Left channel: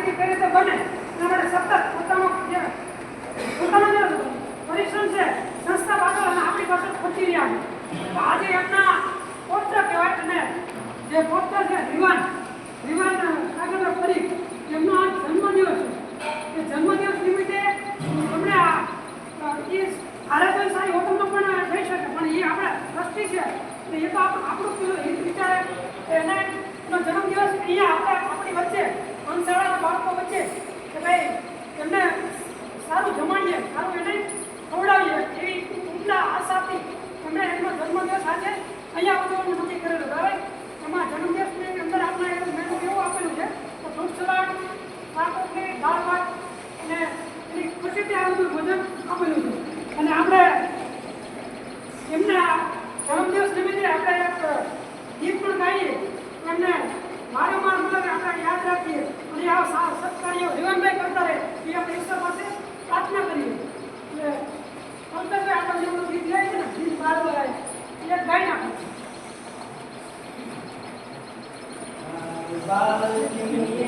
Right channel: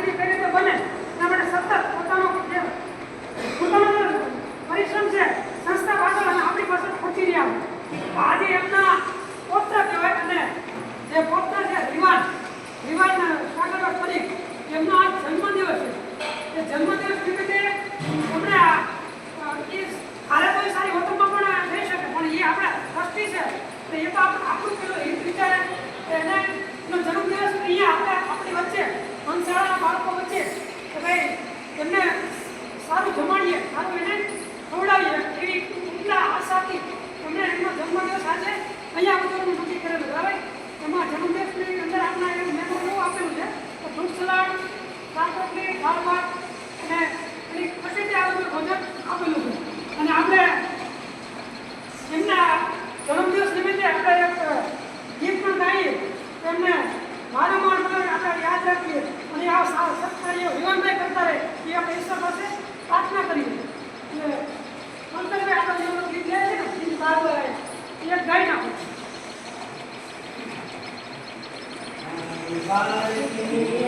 સ્થિતિ કઈ રીતે બને. એના માટે સતત પોતાનો જે પોતાનો જે પરિશ્રમ છે, સંસ્થા પાછળ અને આપણી પાછળ પહોંચી રહ્યા છે. આજે એમના પોત્ર કહેવાય અને જે પોત્ર છે, રિવાજ રિવાન સાગર ફરી એમનો આ જન્મદિવસ છે. એ જન્મદિવસ નિમિત્તે તમને એ હારે તો સારી હોટલમાં પણ થઈ શકે, પણ એ આપણા દ્રષ્ટિ છે. એ તો આપણું વિચાર એના જન્મદિવસ અહીંયા આપણે સારું જમાડીએ, સારું એને ખવડાવીએ એવી ઉપલા આશાથી અમે એમનો જન્મદિવસ આજે અહીંયા ઉજવવાનું નક્કી કરેલું. બરાબર એમાં જન્મદિવસની અંદર આપણા એવું મેનુ એવું આપેલું છે તો ફ્રૂટ સલાડ, શાક રોટલી, દાળ ભાત અને એની પછી આ બધું ભોજન આપેલું છે. અને આપણે એમના જન્મદિવસ નિમિત્તે આપણે એક ગીત પણ ગાઈએ. એમને વારંવાર મતલબ આપણે યાદ રાખીએ. અને આ સત્કાર્યો જીવનભાઈ કરતા રહે એ આપણે ઈશ્વર પાસે Bye.